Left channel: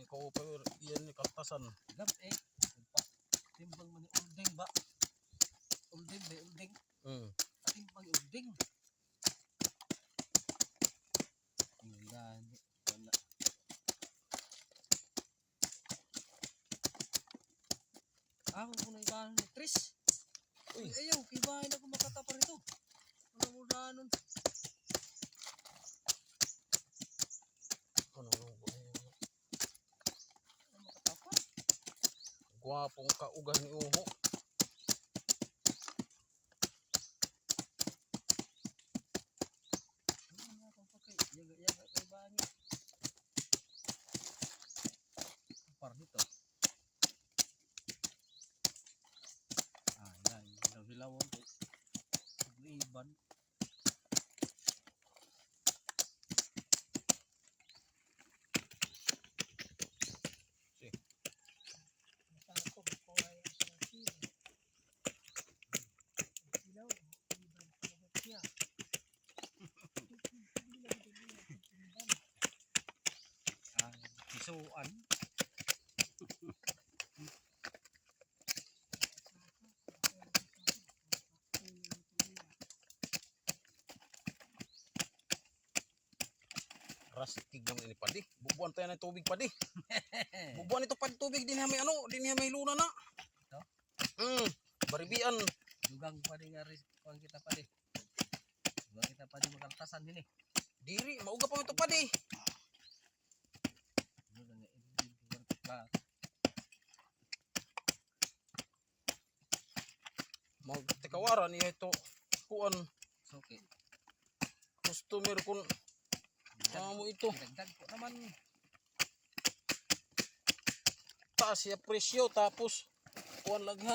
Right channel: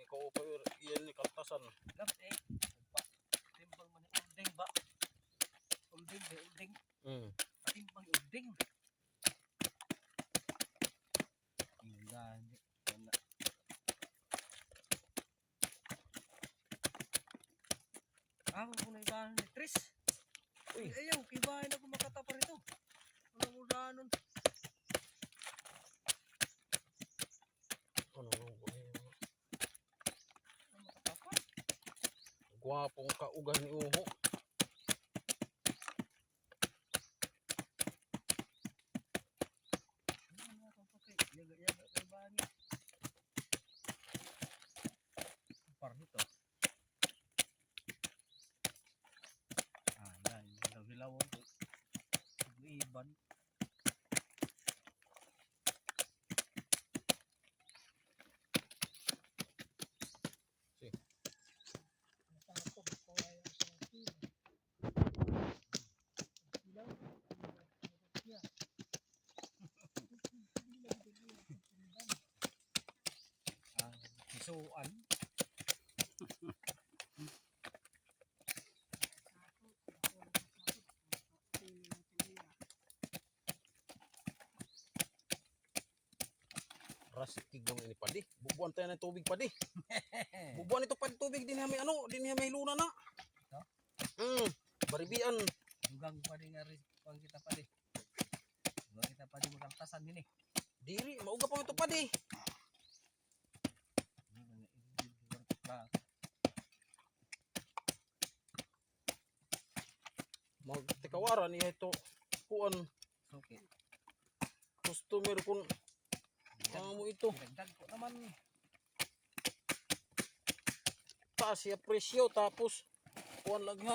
Ni ko pa iyan ni kaltasan. Gab eh. Timbang man ni ulding ba? Ulding ba? Ulding. Mm. Timbang ulding. Yung gani. Wala. Ako kung naibahan ni Tris. Uy. Ayaw, kibahin ako makatapa rito. Gwapong kaugah ni Uho. Yaga-yaga. Par dito. Ah, yan. Hilaw-hilaw ko. Iban. Rastig naman ini padi. Bubuan tayo ng tubig padi. Bubuan ito padi tubig din may ano, din may luna na. Ito? Hmm, baribian. Dugang pa rin nga rin kita pa rin. Dugang kita pa rin makaltasan din eh. Diri, mauga pa ito padi. Magtikawaran niya ito. Kuan, Suki. customer kun amo ito. Dagdag ko naman. Taas siya presyo tapos kuan laghan.